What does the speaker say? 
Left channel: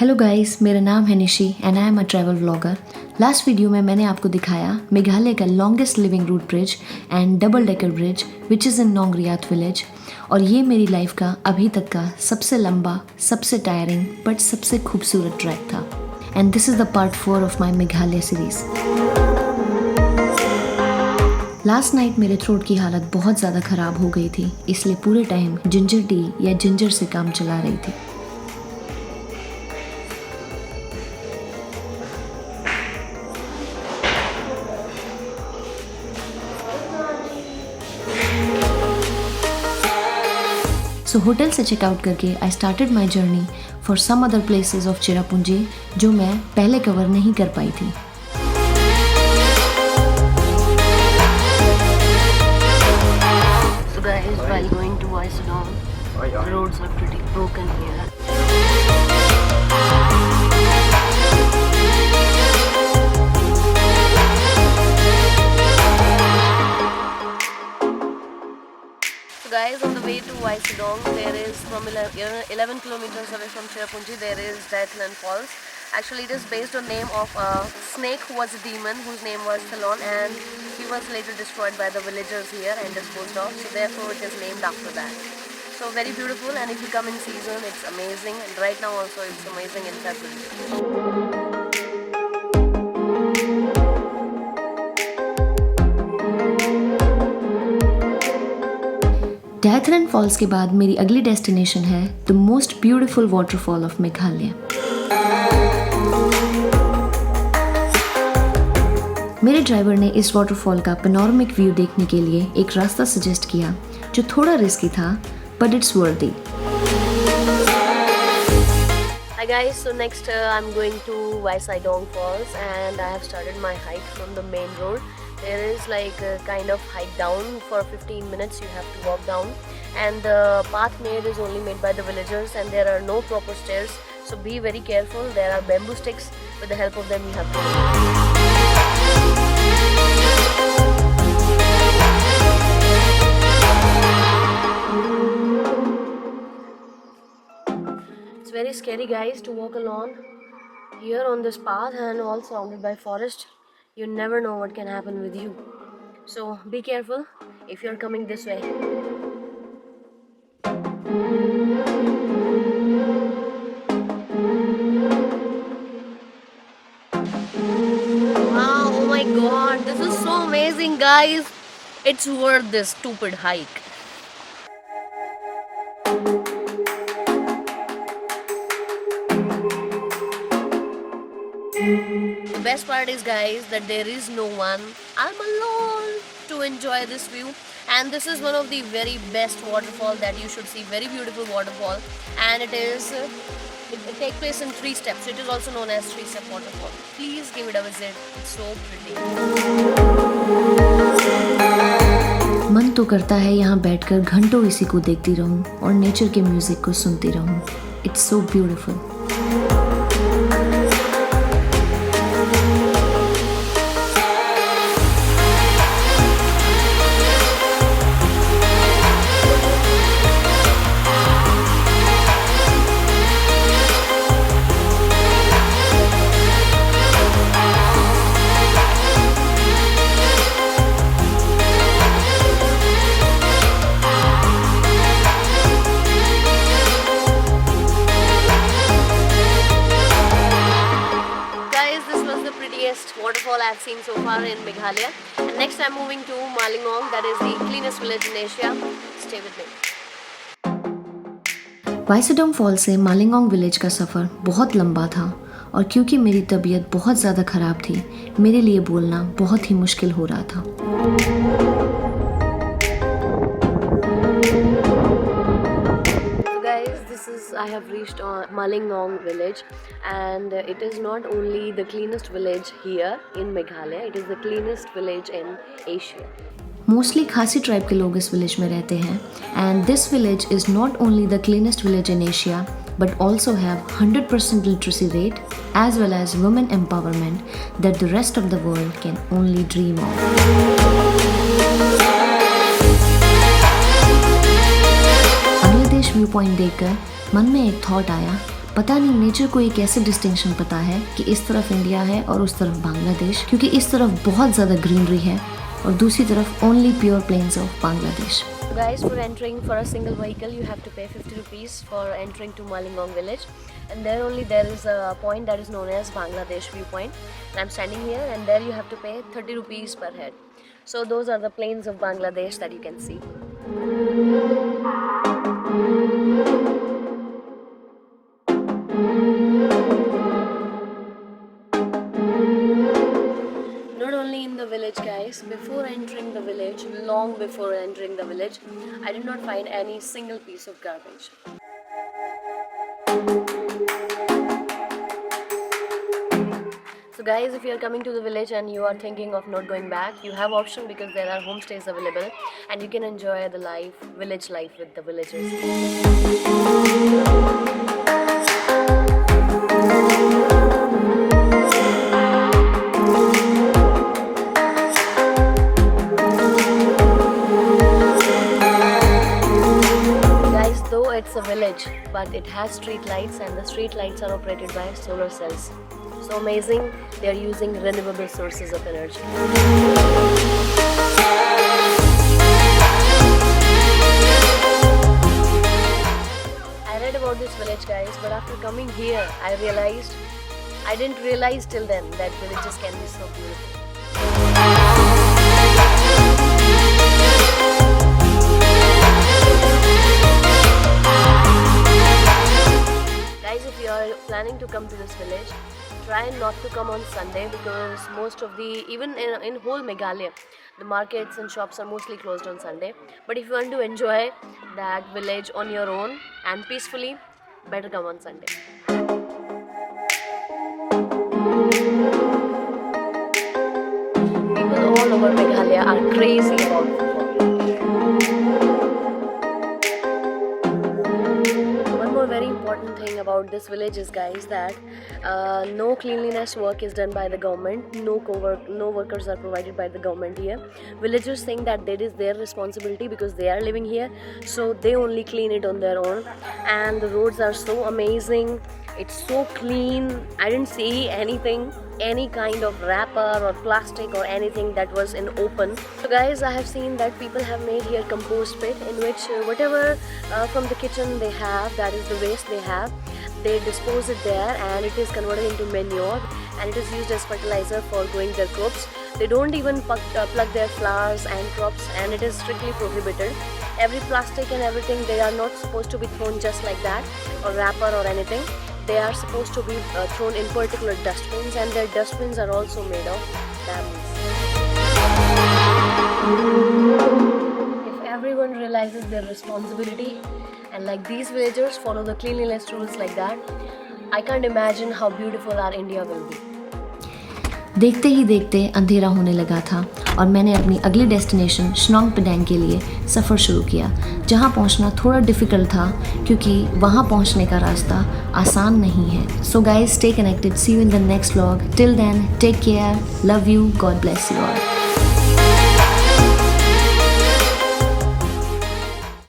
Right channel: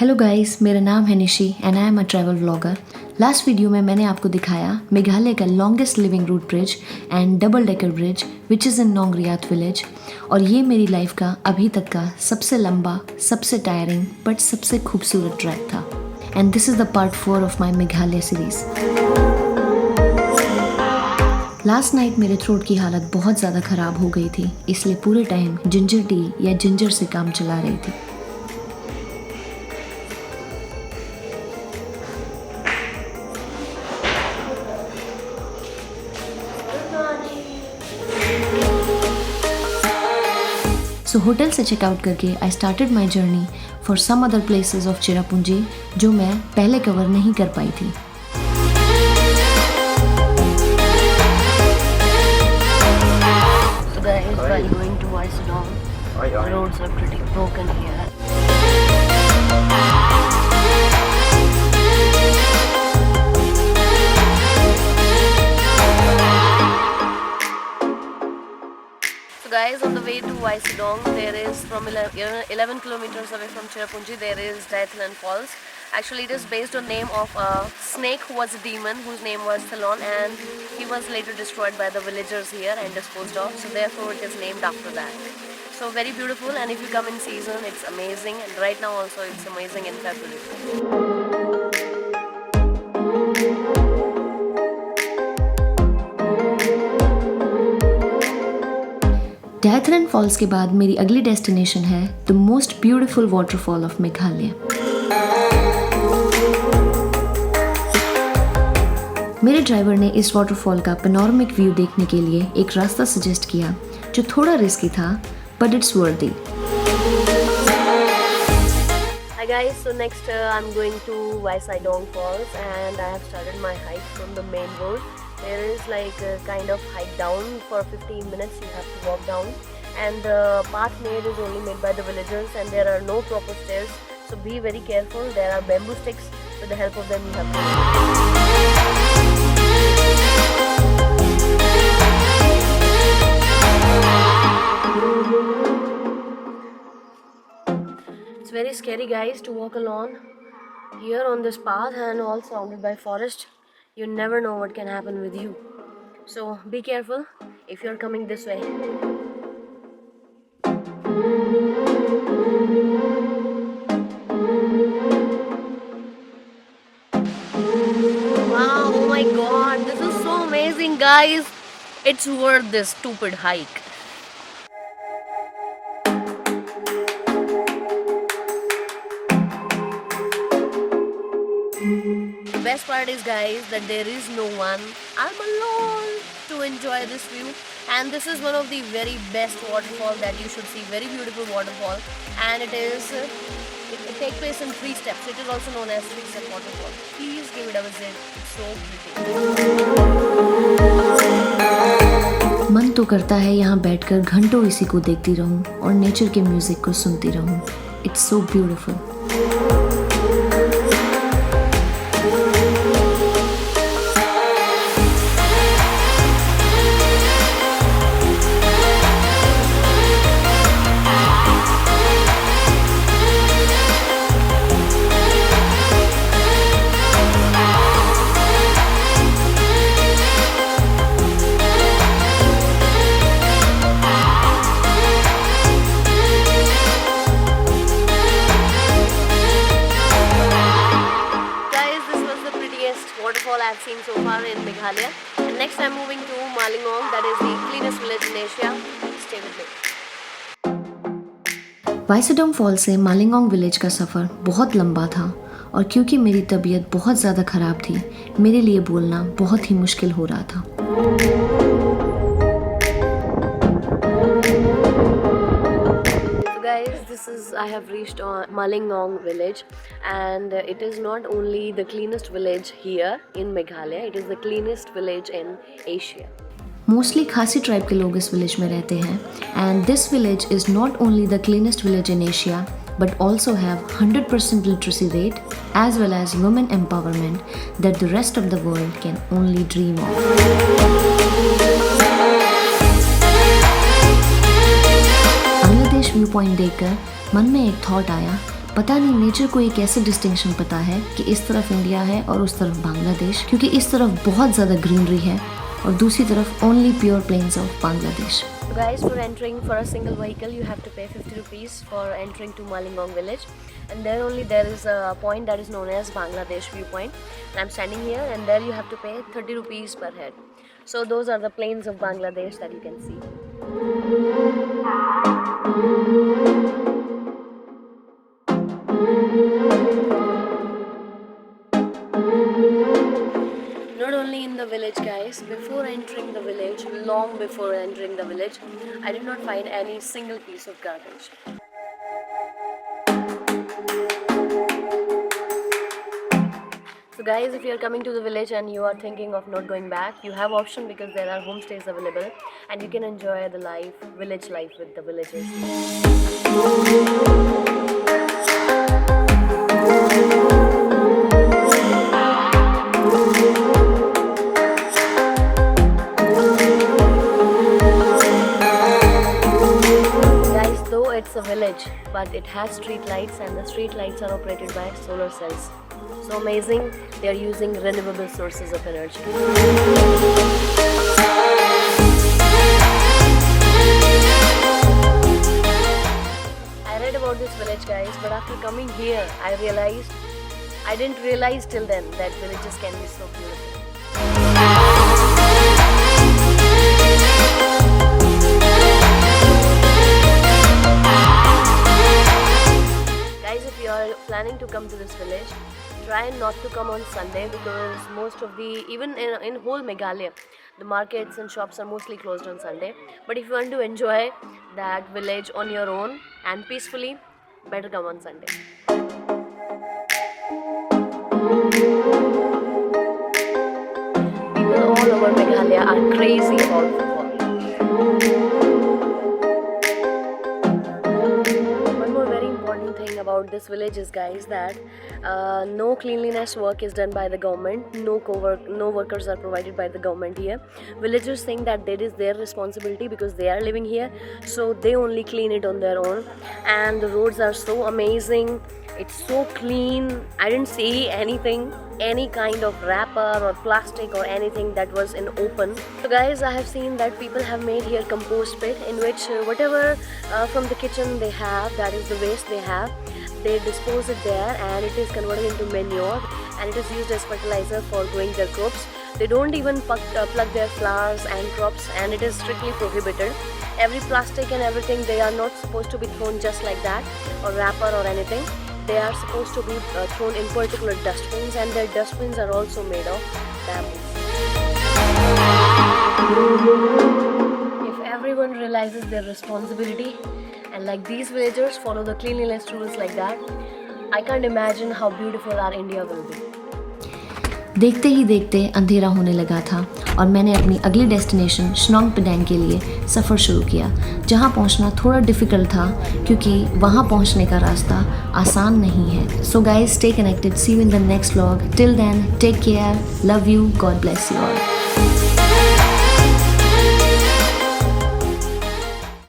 Hello guys, मेरा नाम है Nishi and I am a travel vlogger. Last video में मैंने आपको दिखाया मेघालय का longest living root bridge and double decker bridge which is in Nongriat village. और ये मेरी लाइफ का अभी तक का सबसे लंबा, सबसे टायरिंग बट सबसे खूबसूरत ट्रैक था। And this is the part 4 of my Meghalaya series. Last night मेरे थ्रोट की हालत बहुत ज़्यादा ख़राब हो गई थी, इसलिए पूरे टाइम जिंजर टी या जिंजर से काम चला रही थी। सो होटल से चेकआउट करके I started my journey for some other places of Cherrapunji जो मैं पहले कवर नहीं कर पाई थी। So guys, while going to Isidong, the roads are pretty broken here. Guys, on the way to Isidong, there is from 11 kilometers away from Cherrapunji, there is Diethlin Falls. Actually, it is based on name of a snake who was a demon whose name was Thalon, and he was later destroyed by the villagers here and disposed of. So therefore, it is named after that. So very beautiful, and if you come in season, it's amazing. And right now also, it's amazing in February. Dainthlen falls के बाद मेरी अगली destination है the most beautiful waterfall of Meghalaya. मेरे driver ने इस waterfall का panoramic view देखने के लिए एक रास्ता सजेस्ट किया जो थोड़ा रिस्की था, बट इट्स वर्दी। Hi guys, so next I'm going to Isidong Falls and I have started my hike from the main road. There is like a kind of hike down for 15 minutes, you have to walk down, and the path made is only made by the villagers and there are no proper stairs, so be very careful. There are bamboo sticks, with the help of them you have to It's very scary guys to walk alone here on this path and all surrounded by forest. You never know what can happen with you. So be careful if you're coming this way. Wow, oh my god, this is so amazing guys. It's worth this stupid hike. The best part is guys that there is no one. I'm alone to enjoy this view, and this is one of the very best waterfall that you should see. Very beautiful waterfall, and it takes place in 3 steps. It is also known as 3-step waterfall. Please give it a visit. It's so pretty. मन तो करता है यहाँ बैठकर घंटों इसी को देखती रहूं और नेचर के म्यूजिक को सुनती रहूं। It's so beautiful. Waterfall I've seen so far in Meghalaya, and next I'm moving to Malingong, that is the cleanest village in Asia. Stay with me. Weisawdong fall से मालिंगोंग विलेज का सफ़र बहुत लंबा था और क्योंकि मेरी तबीयत बहुत ज़्यादा ख़राब थी, मेरे लिए बोलना बहुत ही मुश्किल हो रहा था। I have reached Malingong village, and it is not only the cleanest village here in Meghalaya, it is the cleanest village in Asia. Mostly खासी ट्राइब के लोग इस विलेज में रहते हैं, and this village is not only the cleanest village in Asia but also have 100% literacy rate as well as women empowerment that the rest of the world can only dream of. Point देखकर मन में एक thought आया, पता नहीं nature को एक ऐसे डिस्टिंक्शन पता है कि इस तरफ इंडिया है और उस तरफ बांग्लादेश, क्योंकि इस तरफ बहुत ज़्यादा ग्रीनरी है और दूसरी तरफ only pure plains of Bangladesh. So guys, for entering for a single vehicle you have to pay 50 rupees for entering to Malingong village, and there only there is a point that is known as Bangladesh viewpoint, and I'm standing here, and there you have to pay 30 rupees per head. So those are the plains of Bangladesh that you can see. Not only in the village, guys, before entering the village, long before entering the village, I did not find any single piece of garbage. So guys, if you are coming to the village and you are thinking of not going back, you have option because there are homestays available and you can enjoy the life, village life with the villagers. Though it's a village, but it has street lights, and the street lights are operated by solar cells. So amazing, they are using renewable sources of energy. I read about this village, guys, but after coming here, I didn't realize till then that villages can be so beautiful. Guys, if you are planning to come to this village, try not to come on Sunday because most of the, even in whole Meghalaya, the markets and shops are mostly closed on Sunday. But if you want to enjoy that village on your own and peacefully, better come on Sunday. People all over Meghalaya are crazy about football. Very important thing about this village is, guys, that no cleanliness work is done by the government. No workers are provided by the government here. Villagers think that that is their responsibility because they are living here, so they only clean it on their own. And the roads are so amazing, it's so clean. I didn't see any kind of wrapper or plastic or anything that was in open. So guys, I have seen that people have made here compost pit in which whatever from the kitchen they have, that is the waste they have, they dispose it there and it is converted into manure and it is used as fertilizer for growing their crops. They don't even pluck their flowers and crops, and it is strictly prohibited. Every plastic and everything, they are not supposed to be thrown just like that or wrapper or anything. They are supposed to be thrown in particular dustbins, and their dustbins are also made of bamboo. If everyone realizes their responsibility and like these villagers follow the cleanliness rules like that, I can't imagine how beautiful our India will be. देखते ही देखते अंधेरा होने लगा था और मैंने अपनी अगली डेस्टिनेशन शिलोंग पेडांग के लिए सफ़र शुरू किया, जहां पहुंचना थोड़ा डिफ़िकल्ट था क्योंकि वहां पहुंचने का रास्ता आसान नहीं है. So guys, stay connected. See you in the next vlog. Till then, take care. Love you. God bless you all.